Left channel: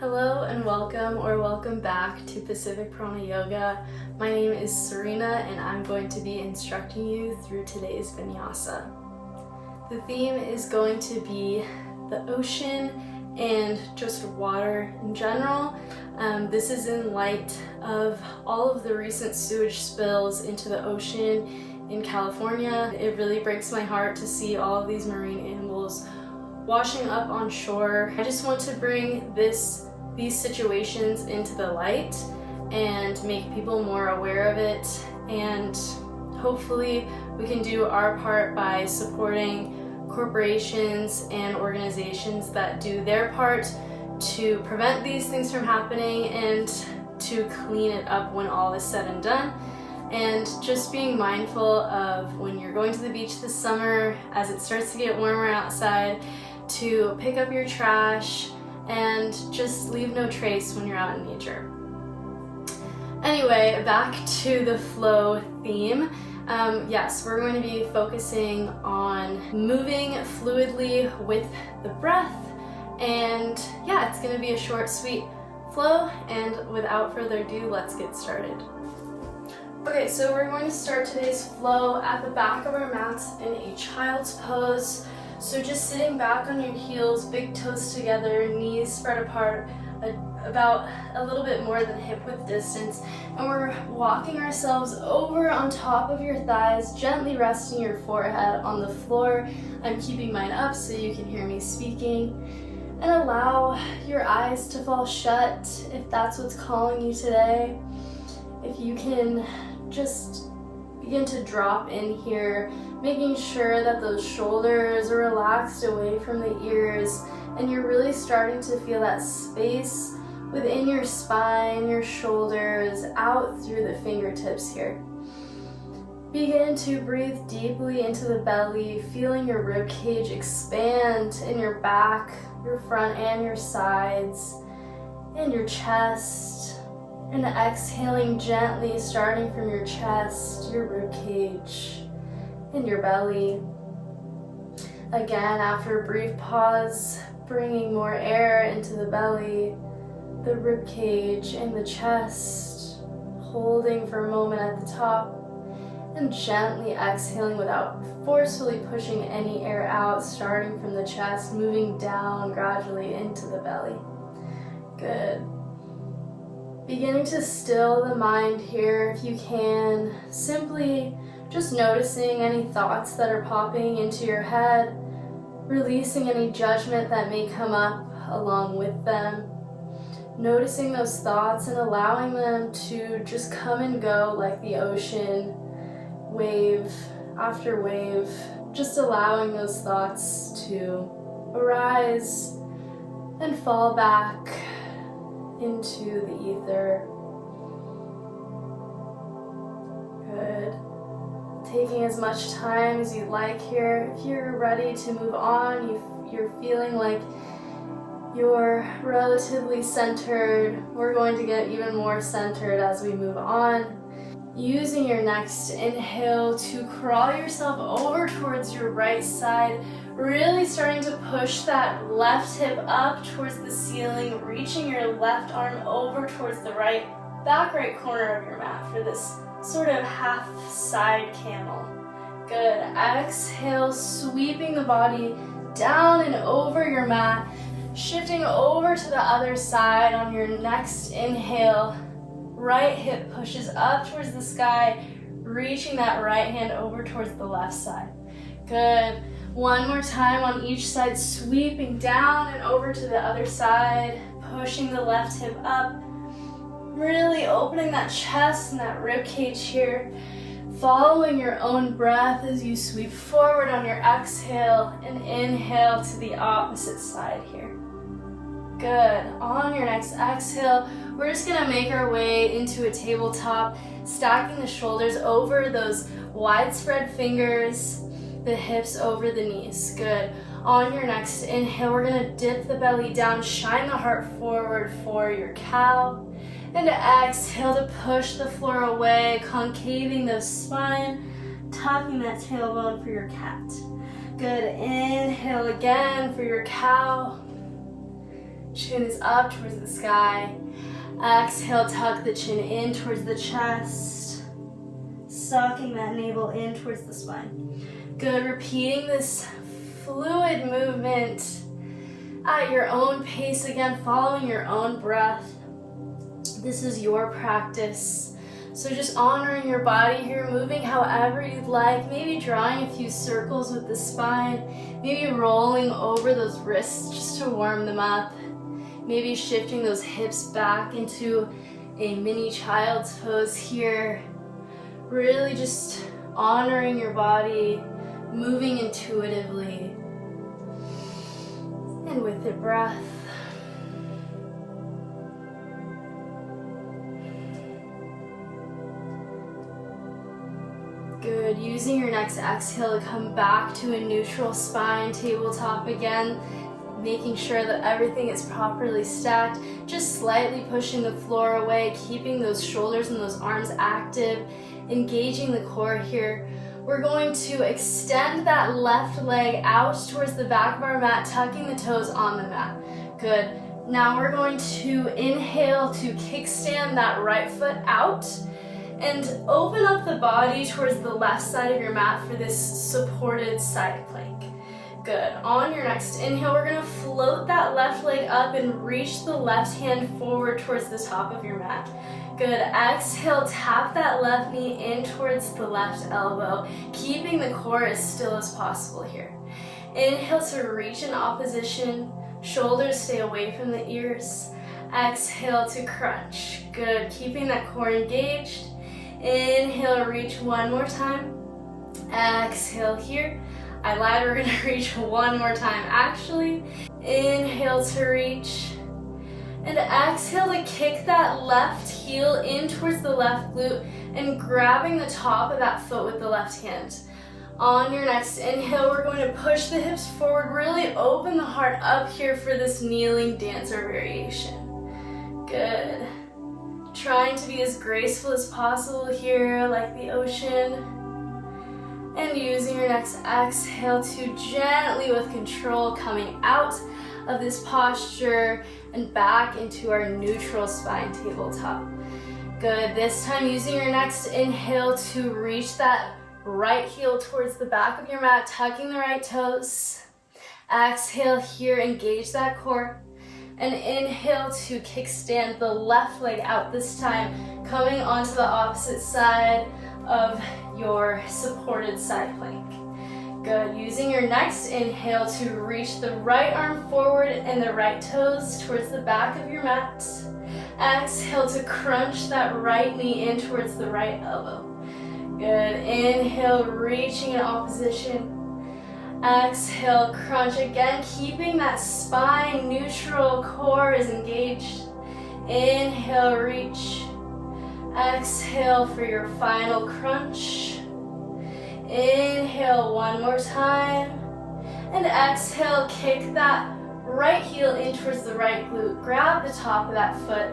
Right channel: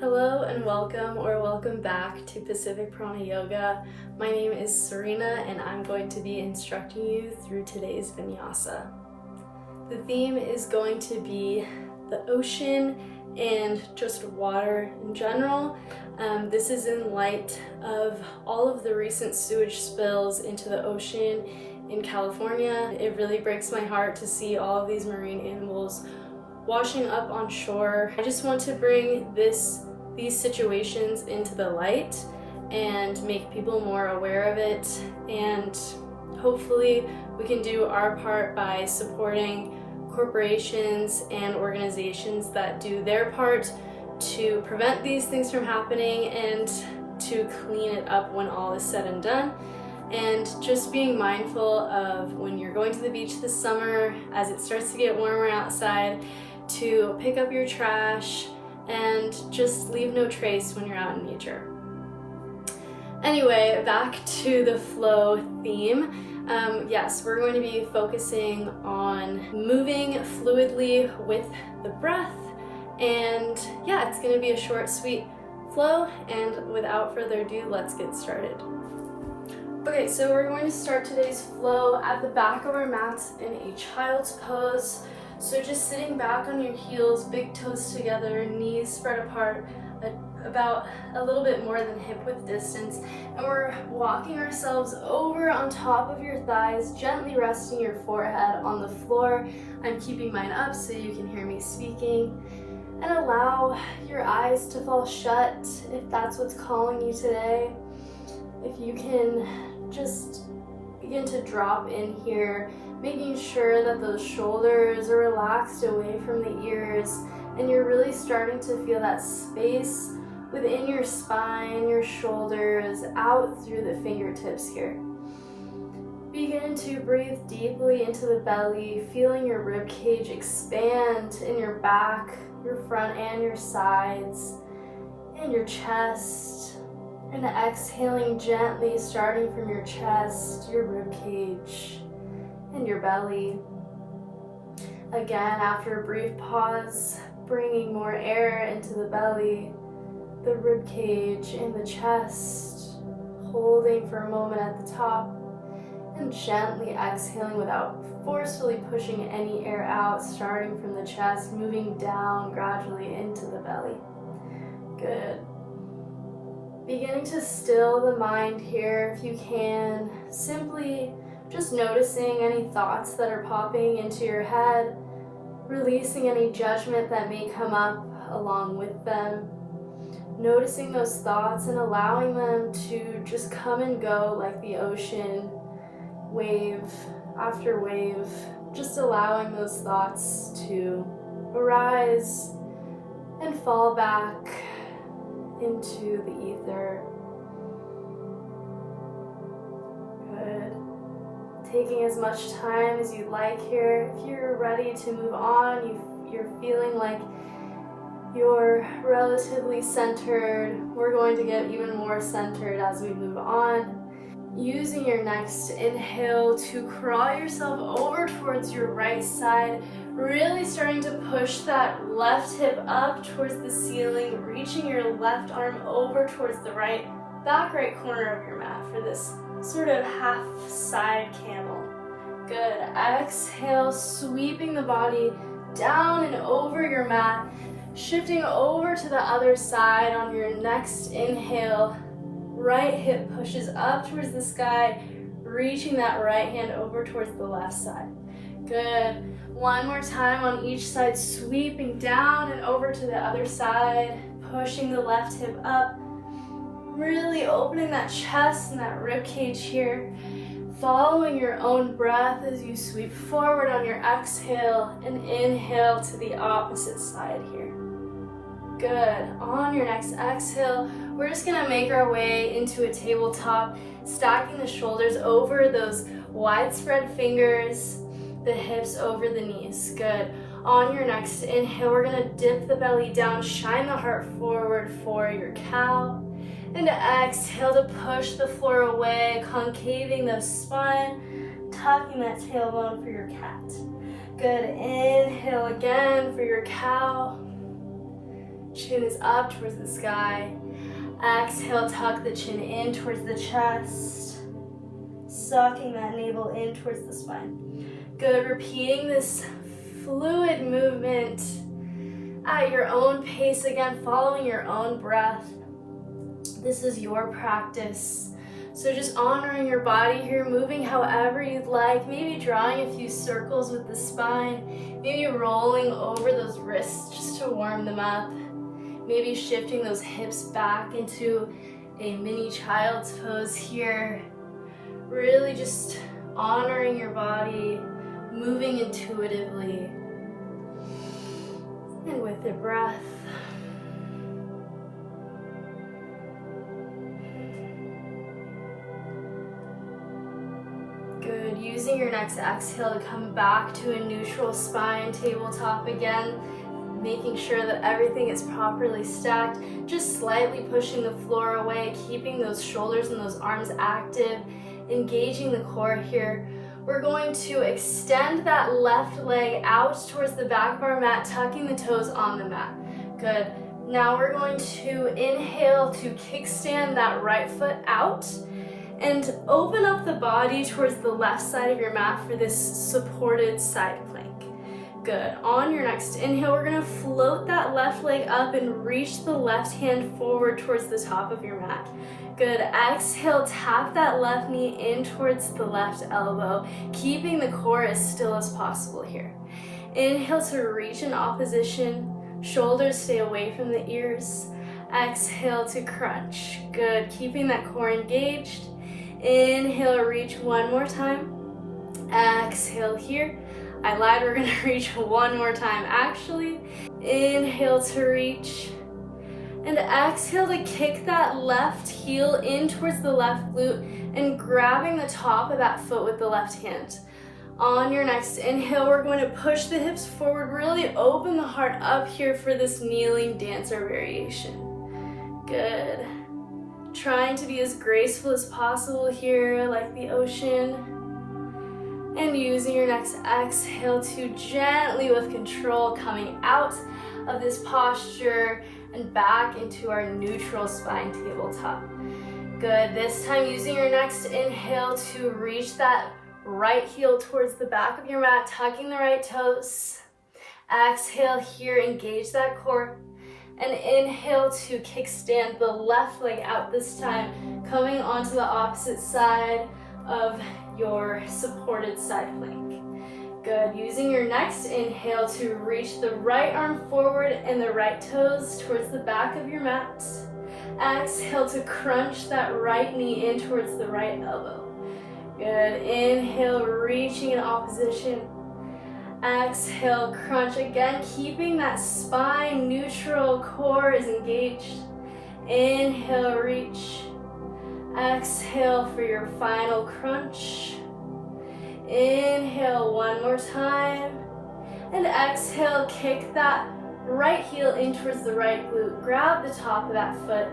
Hello and welcome back to Pacific Prana Yoga. My name is Cyrena and I'm going to be instructing you through today's Vinyasa. The theme is going to be the ocean and just water in general. This is in light of all of the recent sewage spills into the ocean in California. It really breaks my heart to see all of these marine animals washing up on shore. I just want to bring these situations into the light and make people more aware of it, and hopefully we can do our part by supporting corporations and organizations that do their part to prevent these things from happening and to clean it up when all is said and done. And just being mindful of when you're going to the beach this summer, as it starts to get warmer outside, to pick up your trash and just leave no trace when you're out in nature. Anyway, back to the flow theme. Yes, we're going to be focusing on moving fluidly with the breath, and yeah, it's going to be a short, sweet flow, and without further ado, let's get started. Okay, so we're going to start today's flow at the back of our mats in a child's pose. So just sitting back on your heels, big toes together, knees spread apart, about a little bit more than hip width distance, and we're walking ourselves over on top of your thighs, gently resting your forehead on the floor. I'm keeping mine up so you can hear me speaking, and allow your eyes to fall shut if that's what's calling you today. If you can just begin to drop in here, making sure that those shoulders are relaxed away from the ears, and you're really starting to feel that space within your spine, your shoulders, out through the fingertips here. Begin to breathe deeply into the belly, feeling your rib cage expand in your back, your front and your sides, and your chest. And exhaling gently, starting from your chest, your rib cage, and your belly. Again, after a brief pause, bringing more air into the belly, the rib cage, and the chest, holding for a moment at the top, and gently exhaling without forcefully pushing any air out, starting from the chest, moving down gradually into the belly. Good. Beginning to still the mind here if you can, simply just noticing any thoughts that are popping into your head, releasing any judgment that may come up along with them, noticing those thoughts and allowing them to just come and go like the ocean, wave after wave, just allowing those thoughts to arise and fall back into the ether. Good. Taking as much time as you'd like here. If you're ready to move on, you're feeling like you're relatively centered, we're going to get even more centered as we move on. Using your next inhale to crawl yourself over towards your right side, really starting to push that left hip up towards the ceiling, reaching your left arm over towards the back right corner of your mat for this sort of half side camel. Good. Exhale, sweeping the body down and over your mat, shifting over to the other side on your next inhale. Right hip pushes up towards the sky, reaching that right hand over towards the left side. Good. One more time on each side, sweeping down and over to the other side, pushing the left hip up, really opening that chest and that rib cage here, following your own breath as you sweep forward on your exhale and inhale to the opposite side here. Good. On your next exhale, we're just gonna make our way into a tabletop, stacking the shoulders over those widespread fingers, the hips over the knees. Good. On your next inhale, we're gonna dip the belly down, shine the heart forward for your cow. And exhale to push the floor away, concaving the spine, tucking that tailbone for your cat. Good. Inhale again for your cow. Chin is up towards the sky. Exhale, tuck the chin in towards the chest. Sucking that navel in towards the spine. Good, repeating this fluid movement at your own pace, again, following your own breath. This is your practice. So just honoring your body here, moving however you'd like, maybe drawing a few circles with the spine, maybe rolling over those wrists just to warm them up, maybe shifting those hips back into a mini child's pose here. Really just honoring your body, moving intuitively. And with the breath. Good. Using your next exhale to come back to a neutral spine, tabletop again. Making sure that everything is properly stacked. Just slightly pushing the floor away, keeping those shoulders and those arms active. Engaging the core here. We're going to extend that left leg out towards the back of our mat, tucking the toes on the mat. Good. Now we're going to inhale to kickstand that right foot out and open up the body towards the left side of your mat for this supported side plank. Good. On your next inhale, we're going to float that left leg up and reach the left hand forward towards the top of your mat. Good. Exhale, tap that left knee in towards the left elbow, keeping the core as still as possible here. Inhale to reach in opposition. Shoulders stay away from the ears. Exhale to crunch. Good. Keeping that core engaged. Inhale, reach one more time. Exhale here. I lied, we're gonna reach one more time actually. Inhale to reach. And exhale to kick that left heel in towards the left glute and grabbing the top of that foot with the left hand. On your next inhale, we're going to push the hips forward, really open the heart up here for this kneeling dancer variation. Good. Trying to be as graceful as possible here, like the ocean. And using your next exhale to gently, with control, coming out of this posture and back into our neutral spine tabletop. Good. This time using your next inhale to reach that right heel towards the back of your mat, tucking the right toes. Exhale here, engage that core. And inhale to kickstand the left leg out this time, coming onto the opposite side of your supported side plank. Good. Using your next inhale to reach the right arm forward and the right toes towards the back of your mat. Exhale to crunch that right knee in towards the right elbow. Good. Inhale, reaching in opposition. Exhale, crunch again, keeping that spine neutral, core is engaged. Inhale, reach. Exhale for your final crunch. Inhale one more time. And exhale, kick that right heel in towards the right glute. Grab the top of that foot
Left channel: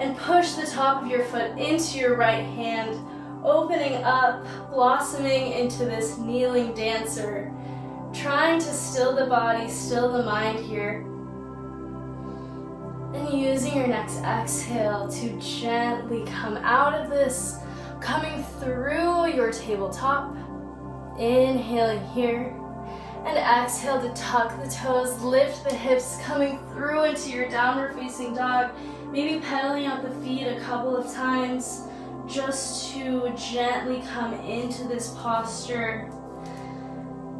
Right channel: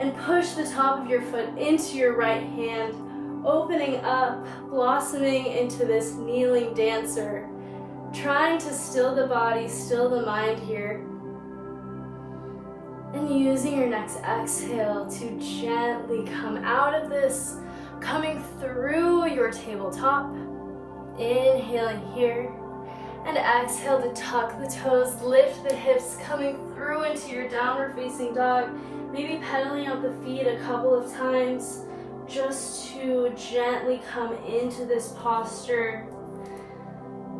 and push the top of your foot into your right hand, opening up, blossoming into this kneeling dancer. Trying to still the body, still the mind here. And using your next exhale to gently come out of this, coming through your tabletop. Inhaling here. And exhale to tuck the toes, lift the hips, coming through into your downward facing dog. Maybe pedaling out the feet a couple of times just to gently come into this posture.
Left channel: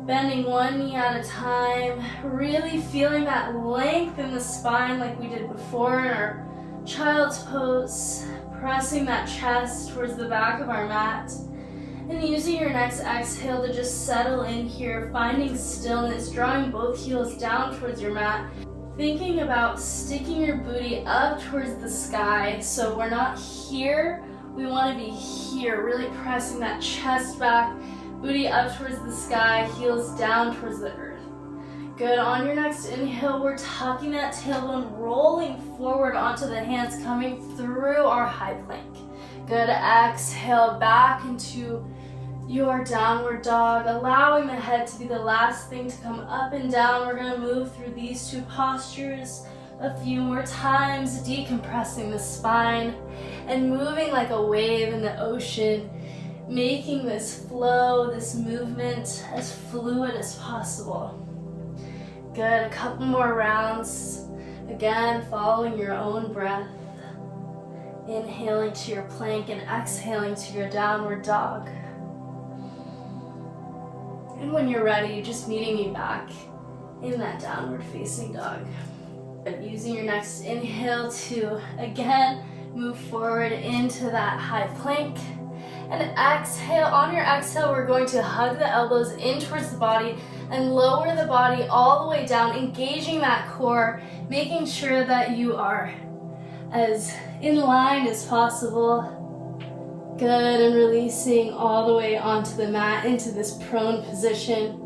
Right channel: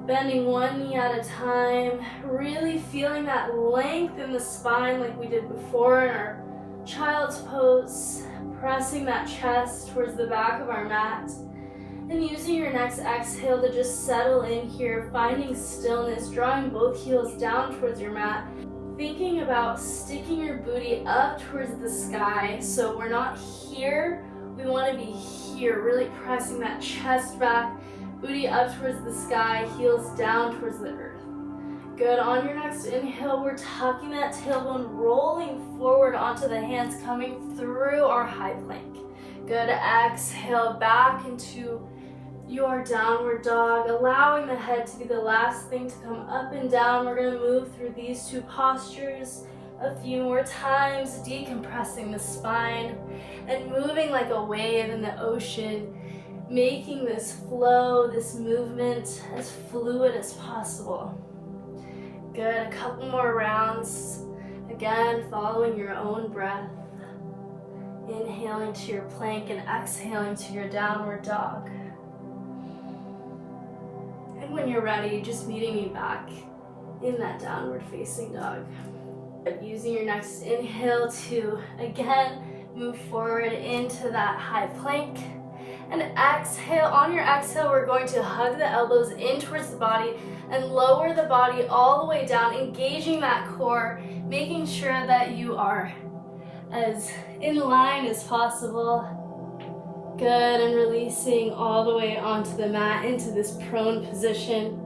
Bending one knee at a time, really feeling that length in the spine like we did before in our child's pose, pressing that chest towards the back of our mat, and using your next exhale to just settle in here, finding stillness, drawing both heels down towards your mat, thinking about sticking your booty up towards the sky, so we're not here, we want to be here, really pressing that chest back, booty up towards the sky, heels down towards the earth. Good. On your next inhale, we're tucking that tailbone, rolling forward onto the hands, coming through our high plank. Good. Exhale back into your downward dog, allowing the head to be the last thing to come up and down. We're going to move through these two postures, A few more times, decompressing the spine and moving like a wave in the ocean, making this flow, this movement as fluid as possible. Good, a couple more rounds. Again, following your own breath. Inhaling to your plank and exhaling to your downward dog. And when you're ready, just meeting me back in that downward facing dog. Using your next inhale to, again, move forward into that high plank. And exhale. On your exhale, we're going to hug the elbows in towards the body and lower the body all the way down, engaging that core, making sure that you are as in line as possible. Good, and releasing all the way onto the mat into this prone position.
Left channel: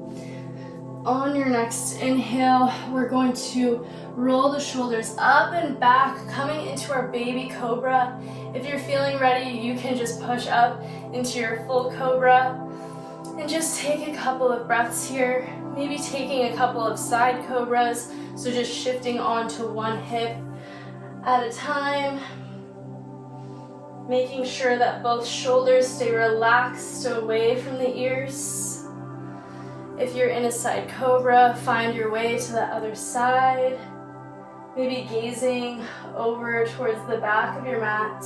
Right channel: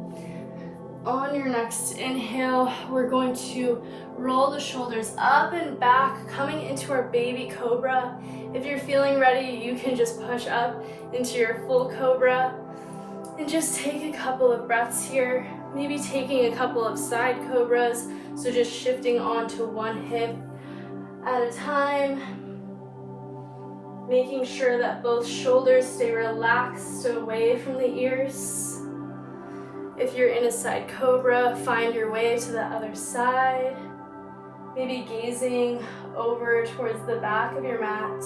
On your next inhale, we're going to roll the shoulders up and back, coming into our baby cobra. If you're feeling ready, you can just push up into your full cobra and just take a couple of breaths here, maybe taking a couple of side cobras, so just shifting onto one hip at a time, making sure that both shoulders stay relaxed away from the ears. If you're in a side cobra, find your way to the other side, maybe gazing over towards the back of your mat.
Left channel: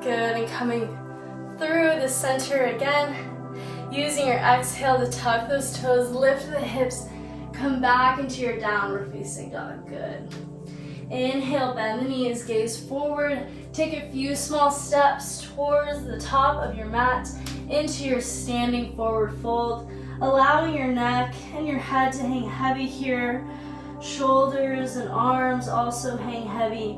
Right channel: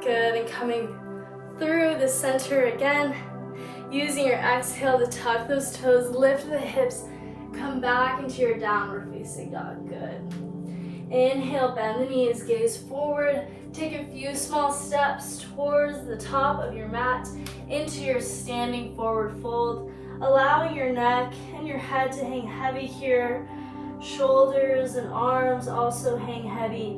Good, and coming through the center again, using your exhale to tuck those toes, lift the hips, come back into your downward facing dog. Good. Inhale, bend the knees, gaze forward, take a few small steps towards the top of your mat into your standing forward fold, allowing your neck and your head to hang heavy here, shoulders and arms also hang heavy,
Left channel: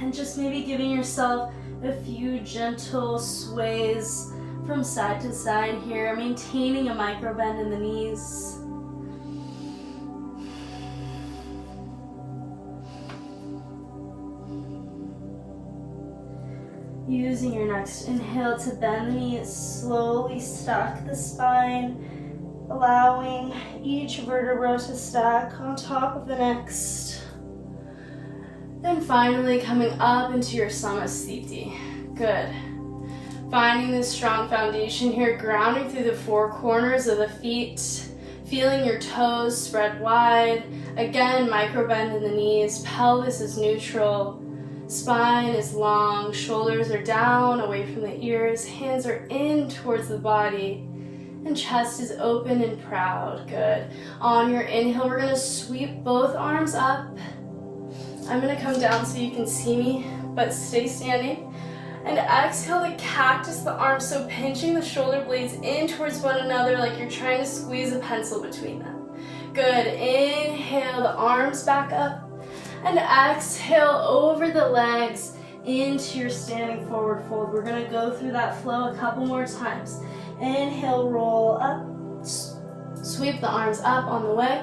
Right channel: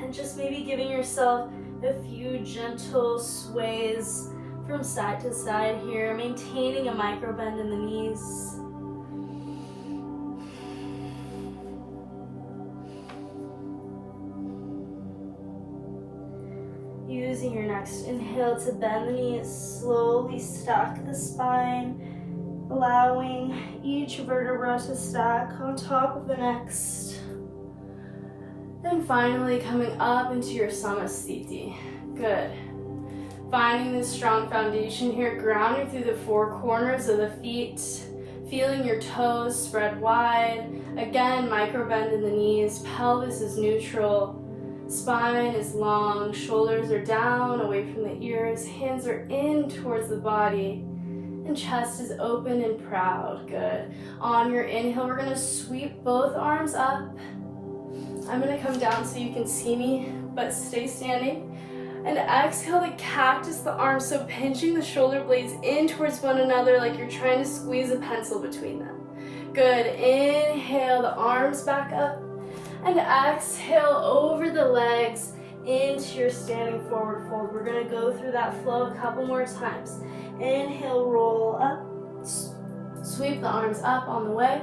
and just maybe giving yourself a few gentle sways from side to side here, maintaining a micro bend in the knees. Using your next inhale to bend the knees, slowly stack the spine, allowing each vertebra to stack on top of the next. And finally coming up into your Samasthiti. Good. Finding this strong foundation here, grounding through the four corners of the feet, feeling your toes spread wide. Again, micro bend in the knees, pelvis is neutral. Spine is long, shoulders are down, away from the ears, hands are in towards the body, and chest is open and proud. Good. On your inhale, we're gonna sweep both arms up. I'm gonna come down so you can see me, but stay standing. And exhale to cactus the arms, so pinching the shoulder blades in towards one another like you're trying to squeeze a pencil between them. Good. Inhale the arms back up. And exhale over the legs into your standing forward fold. We're gonna go through that flow a couple more times. Inhale, roll up. Sweep the arms up on the way.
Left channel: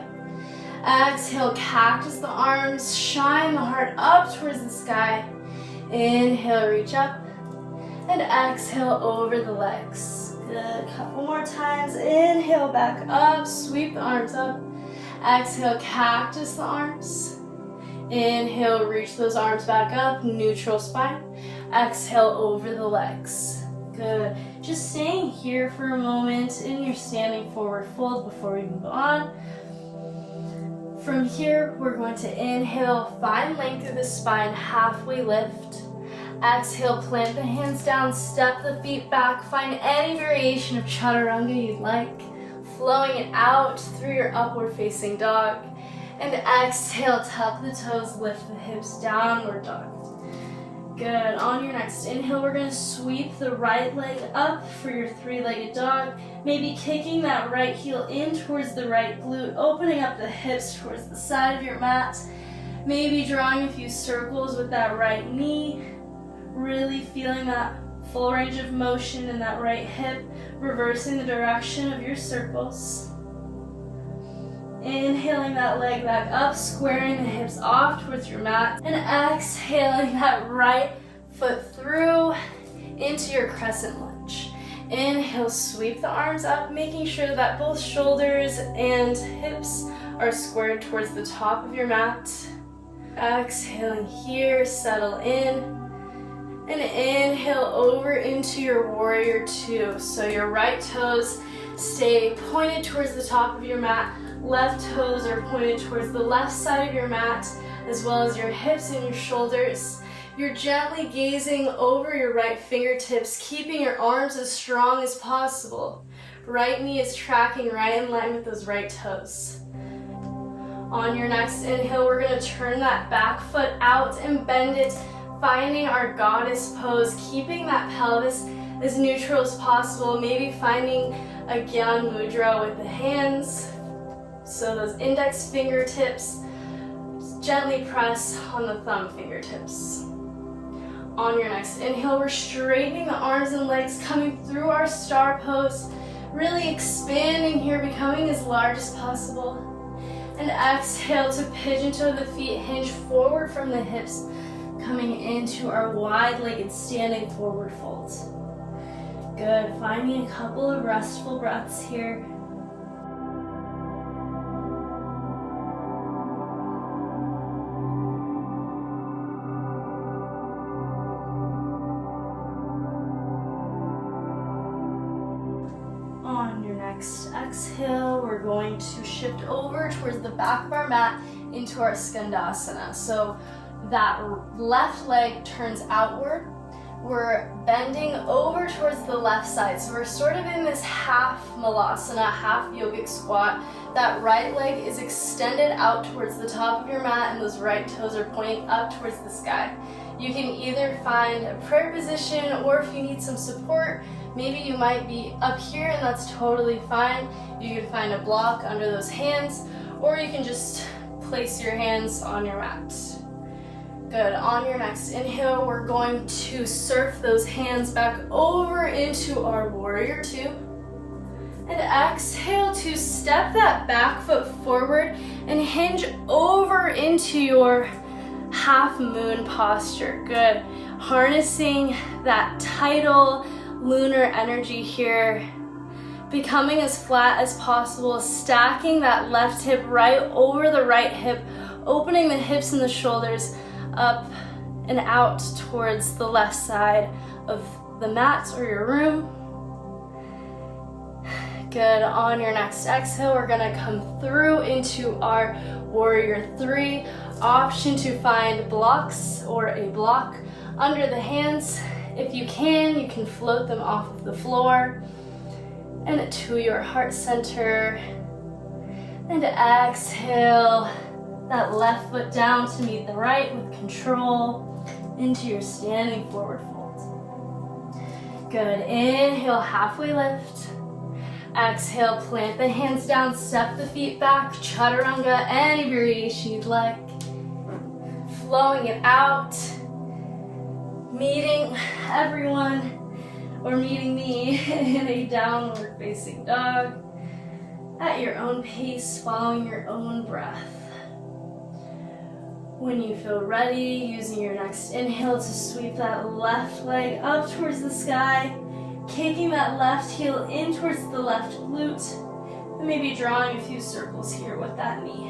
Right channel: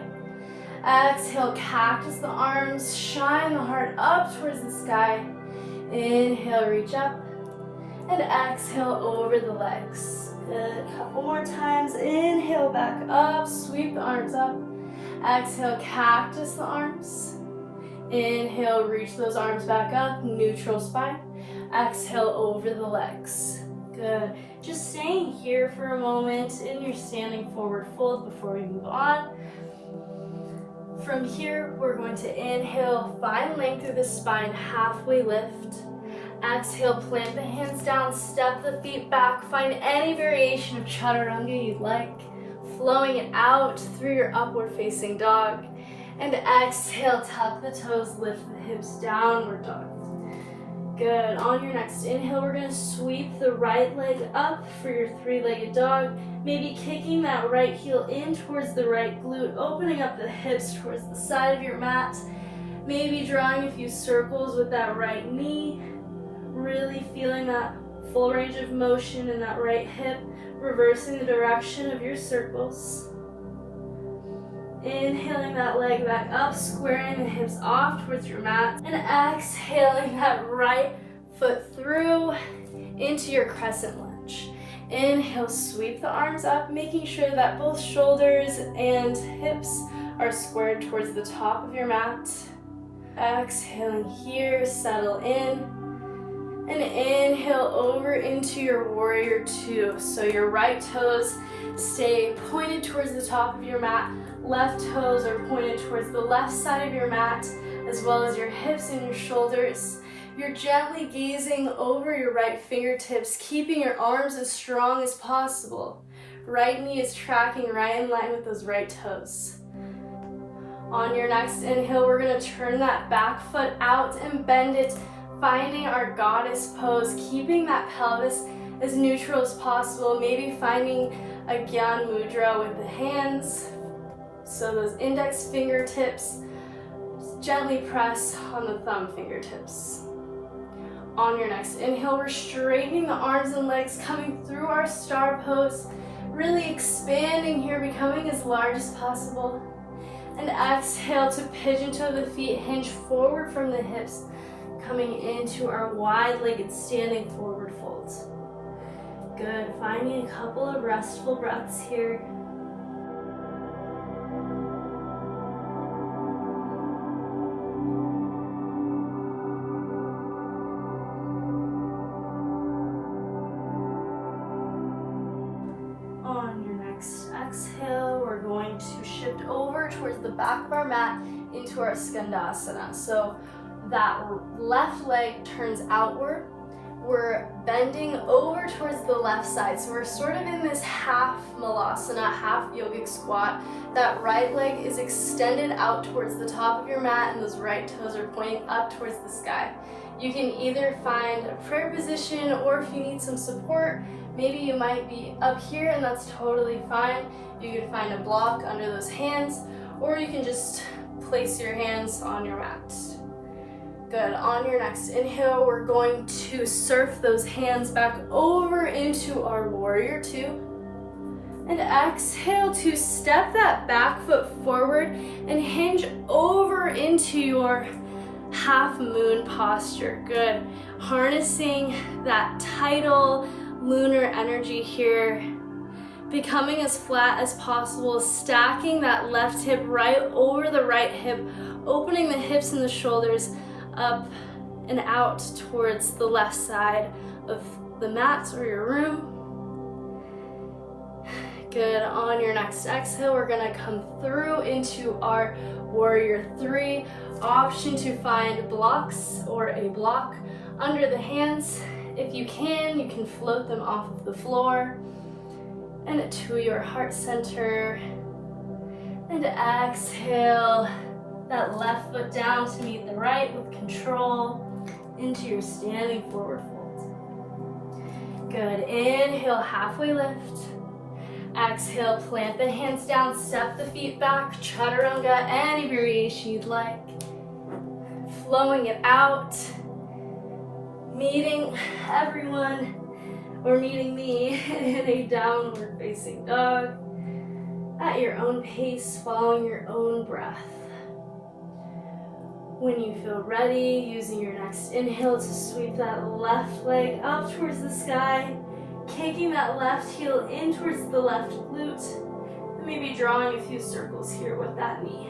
Exhale, cactus the arms. Shine the heart up towards the sky. Inhale, reach up. And exhale over the legs. Good, a couple more times. Inhale, back up. Sweep the arms up. Exhale, cactus the arms. Inhale, reach those arms back up, neutral spine. Exhale over the legs. Good. Just staying here for a moment in your standing forward fold before we move on. From here, we're going to inhale, find length through the spine, halfway lift. Exhale, plant the hands down, step the feet back. Find any variation of chaturanga you'd like, flowing it out through your upward facing dog. And exhale, tuck the toes, lift the hips, downward dog. Good. On your next inhale, we're going to sweep the right leg up for your three-legged dog. Maybe kicking that right heel in towards the right glute, opening up the hips towards the side of your mat. Maybe drawing a few circles with that right knee. Really feeling that full range of motion in that right hip, reversing the direction of your circles. Inhaling that leg back up, squaring the hips off towards your mat, and exhaling that right foot through into your crescent lunge. Inhale, sweep the arms up, making sure that both shoulders and hips are squared towards the top of your mat. Exhaling here, settle in. And inhale over into your warrior two. So your right toes stay pointed towards the top of your mat. Left toes are pointed towards the left side of your mat, as well as your hips and your shoulders. You're gently gazing over your right fingertips, keeping your arms as strong as possible. Right knee is tracking right in line with those right toes. On your next inhale, we're going to turn that back foot out and bend it, finding our goddess pose, keeping that pelvis as neutral as possible, maybe finding a Gyan Mudra with the hands. So those index fingertips gently press on the thumb fingertips. On your next inhale, we're straightening the arms and legs, coming through our star pose, really expanding here, becoming as large as possible. And exhale to pigeon toe the feet, hinge forward from the hips, coming into our wide-legged standing forward fold. Good, finding a couple of restful breaths here. On your next exhale, we're going to shift over towards the back of our mat into our Skandasana. So that left leg turns outward. We're bending over towards the left side. So we're sort of in this half Malasana, half yogic squat. That right leg is extended out towards the top of your mat and those right toes are pointing up towards the sky. You can either find a prayer position, or if you need some support, maybe you might be up here and that's totally fine. You can find a block under those hands, or you can just place your hands on your mat. Good. On your next inhale, we're going to surf those hands back over into our warrior two. And exhale to step that back foot forward and hinge over into your half moon posture. Good. Harnessing that tidal lunar energy here, becoming as flat as possible, stacking that left hip right over the right hip, opening the hips and the shoulders up and out towards the left side of the mat or your room. Good. On your next exhale, we're gonna come through into our warrior three. Option to find blocks or a block under the hands. If you can float them off of the floor and to your heart center. And exhale that left foot down to meet the right with control into your standing forward fold. Good. Inhale, halfway lift. Exhale, plant the hands down, step the feet back, chaturanga, any variation you'd like. Flowing it out, meeting everyone, or meeting me in a downward facing dog at your own pace, following your own breath. When you feel ready, using your next inhale to sweep that left leg up towards the sky, kicking that left heel in towards the left glute, and maybe drawing a few circles here with that knee.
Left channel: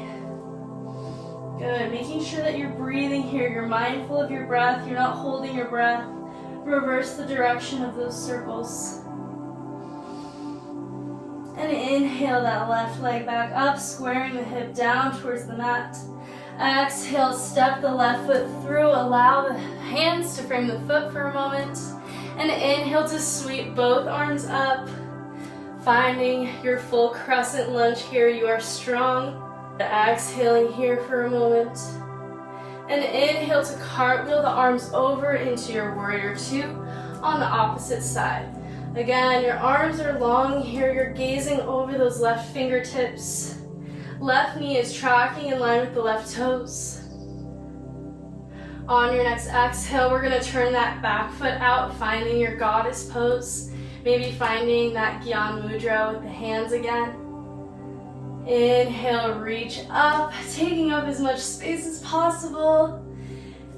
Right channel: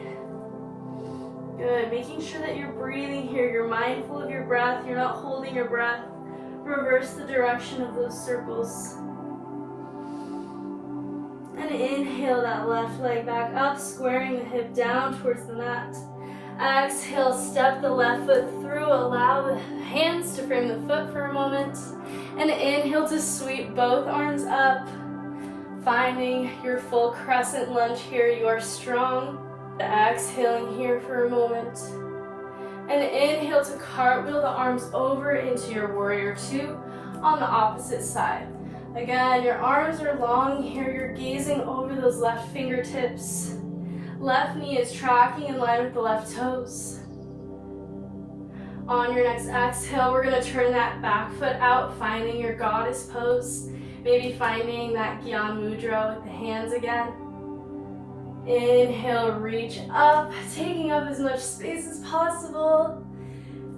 Good, making sure that you're breathing here, you're mindful of your breath, you're not holding your breath. Reverse the direction of those circles. And inhale that left leg back up, squaring the hip down towards the mat. Exhale, step the left foot through, allow the hands to frame the foot for a moment. And inhale to sweep both arms up, finding your full crescent lunge here. You are strong. Exhaling here for a moment. And inhale to cartwheel the arms over into your warrior two on the opposite side. Again, your arms are long here. You're gazing over those left fingertips. Left knee is tracking in line with the left toes. On your next exhale, we're going to turn that back foot out, finding your goddess pose. Maybe finding that Gyan Mudra with the hands again. Inhale, reach up, taking up as much space as possible.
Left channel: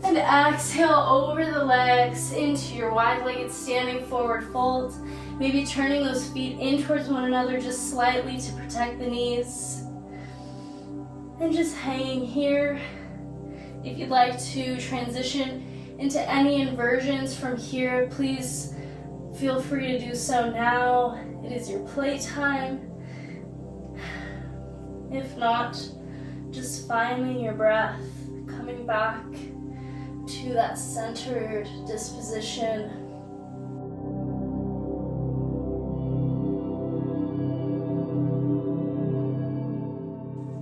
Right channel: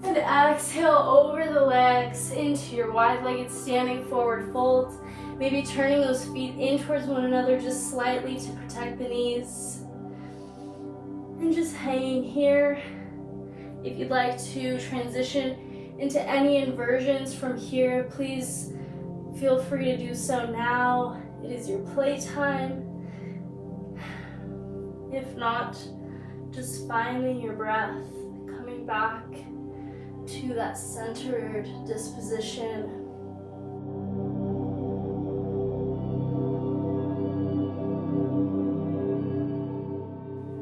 And exhale over the legs into your wide-legged standing forward fold. Maybe turning those feet in towards one another just slightly to protect the knees. And just hanging here. If you'd like to transition into any inversions from here, please feel free to do so now. It is your playtime. If not, just finding your breath, coming back to that centered disposition.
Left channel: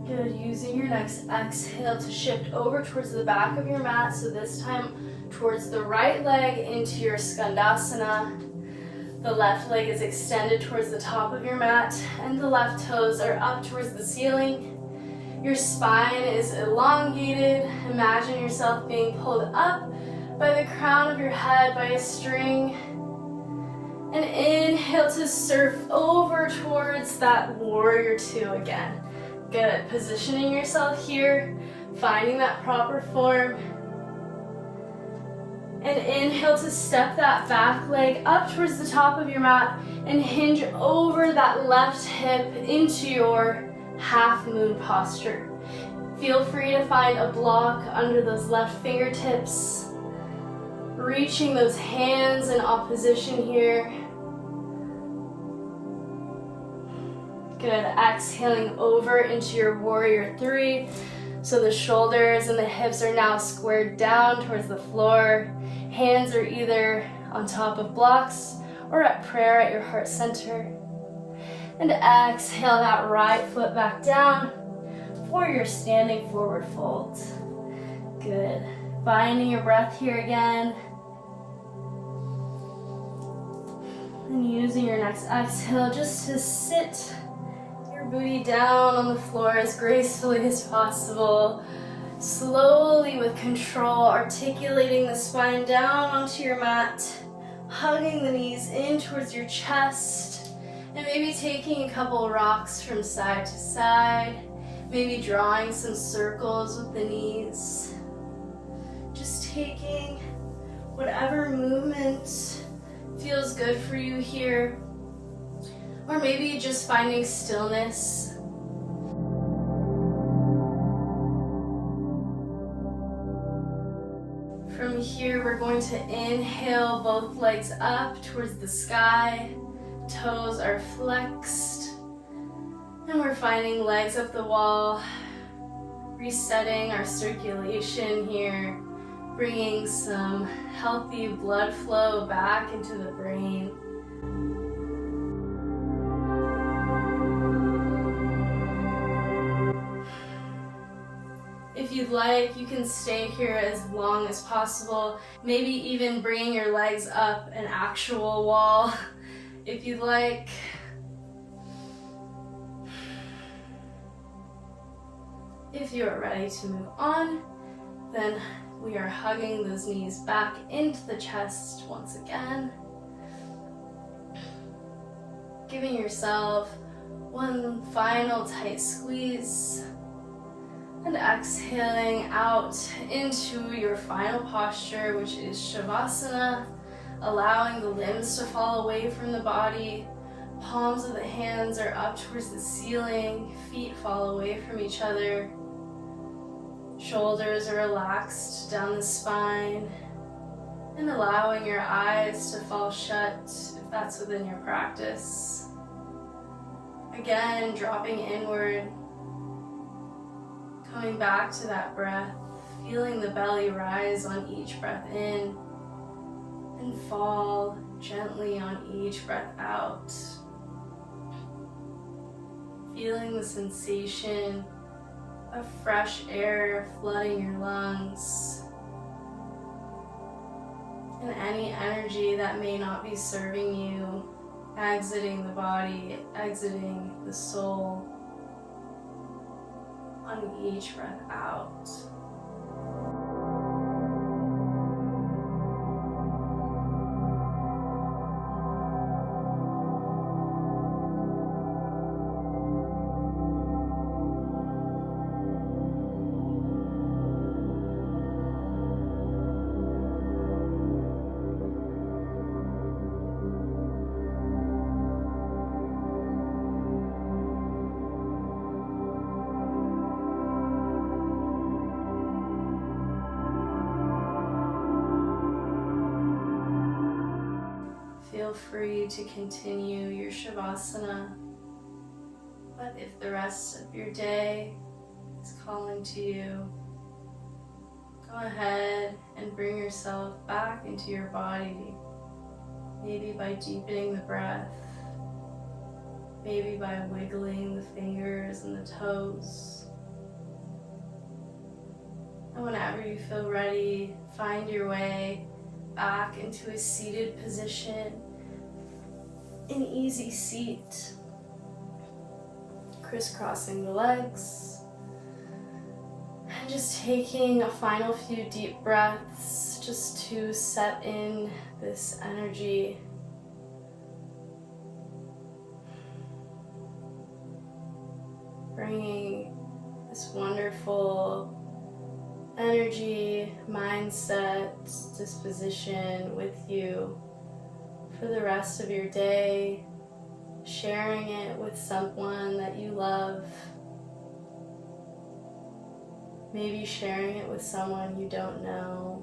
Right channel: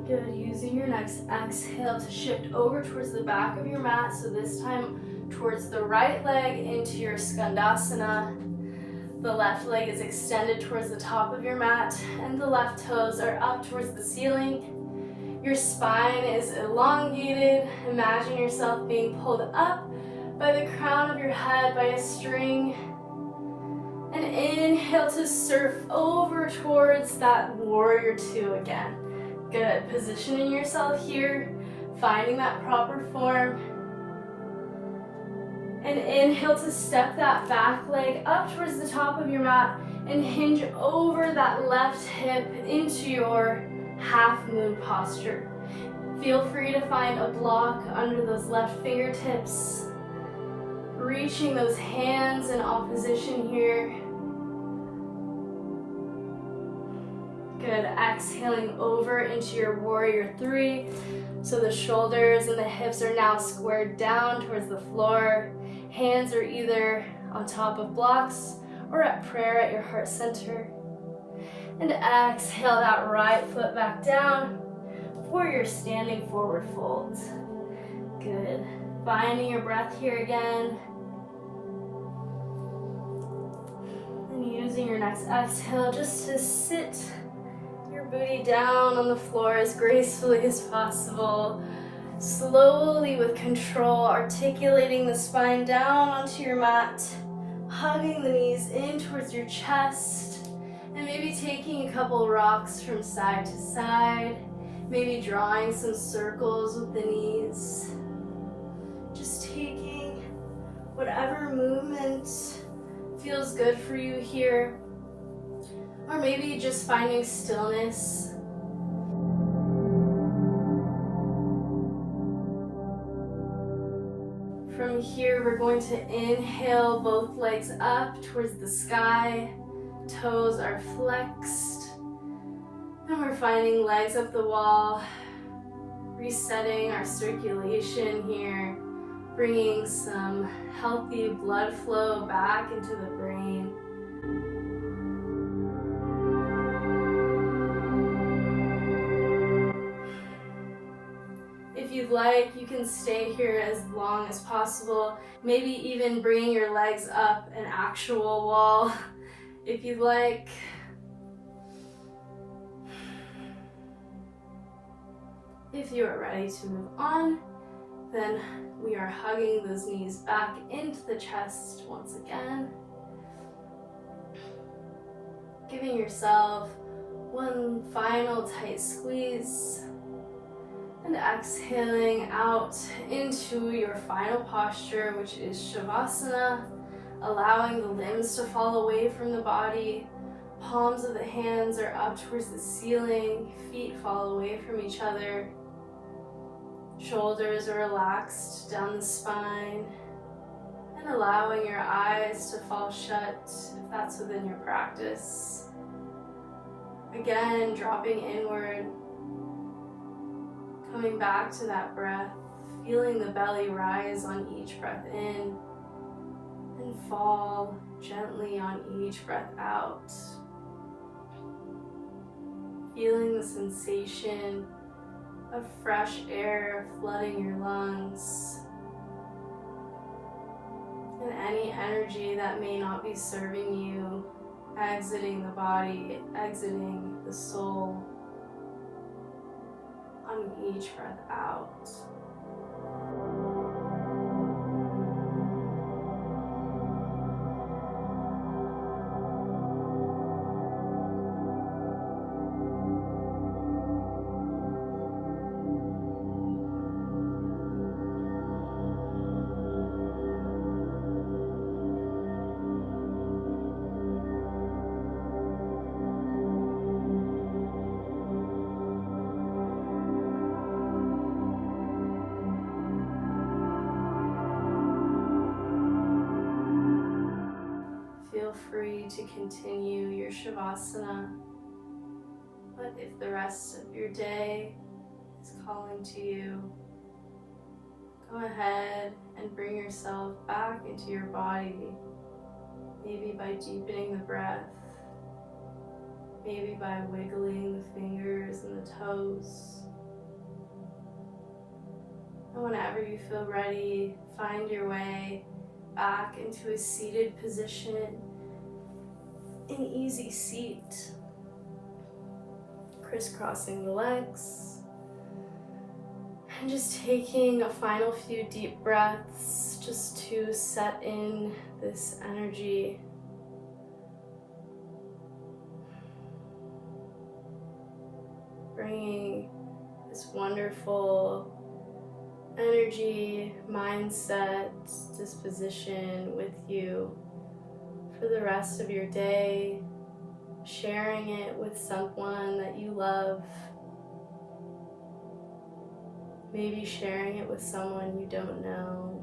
Good, using your next exhale to shift over towards the back of your mat, so this time towards the right leg into your skandasana. The left leg is extended towards the top of your mat, and the left toes are up towards the ceiling. Your spine is elongated. Imagine yourself being pulled up by the crown of your head by a string. And inhale to surf over towards that warrior two again. Good, positioning yourself here, finding that proper form. And inhale to step that back leg up towards the top of your mat and hinge over that left hip into your half moon posture. Feel free to find a block under those left fingertips. Reaching those hands in opposition here. Good, exhaling over into your warrior three. So the shoulders and the hips are now squared down towards the floor. Hands are either on top of blocks or at prayer at your heart center. And exhale that right foot back down for your standing forward fold. Good. Finding your breath here again. And using your next exhale just to sit your booty down on the floor as gracefully as possible. Slowly with control, articulating the spine down onto your mat, hugging the knees in towards your chest, and maybe taking a couple rocks from side to side, maybe drawing some circles with the knees. Just taking whatever movement feels good for you here, or maybe just finding stillness. From here, we're going to inhale both legs up towards the sky. Toes are flexed. And we're finding legs up the wall. Resetting our circulation here. Bringing some healthy blood flow back into the brain. If you'd like, you can stay here as long as possible. Maybe even bringing your legs up an actual wall, if you'd like. If you are ready to move on, then we are hugging those knees back into the chest once again. Giving yourself one final tight squeeze. And exhaling out into your final posture, which is Shavasana, allowing the limbs to fall away from the body. Palms of the hands are up towards the ceiling, feet fall away from each other. Shoulders are relaxed down the spine, and allowing your eyes to fall shut if that's within your practice. Again, dropping inward. Coming back to that breath, feeling the belly rise on each breath in and fall gently on each breath out. Feeling the sensation of fresh air flooding your lungs and any energy that may not be serving you, exiting the body, exiting the soul. On each breath out. free to continue your Shavasana. But if the rest of your day is calling to you, go ahead and bring yourself back into your body. Maybe by deepening the breath, maybe by wiggling the fingers and the toes. And whenever you feel ready, find your way back into a seated position, an easy seat, crisscrossing the legs, and just taking a final few deep breaths just to set in this energy. Bringing this wonderful energy, mindset, disposition with you for the rest of your day, sharing it with someone that you love, maybe sharing it with someone you don't know.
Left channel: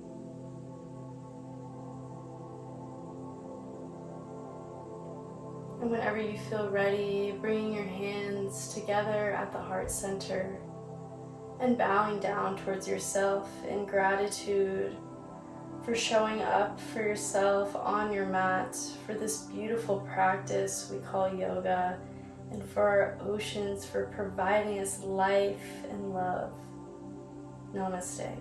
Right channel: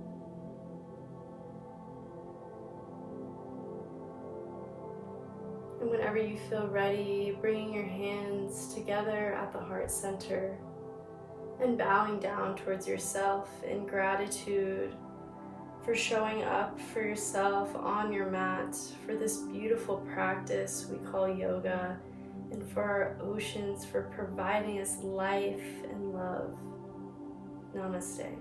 And whenever you feel ready, bringing your hands together at the heart center and bowing down towards yourself in gratitude for showing up for yourself on your mat for this beautiful practice we call yoga, and for our oceans for providing us life and love. Namaste.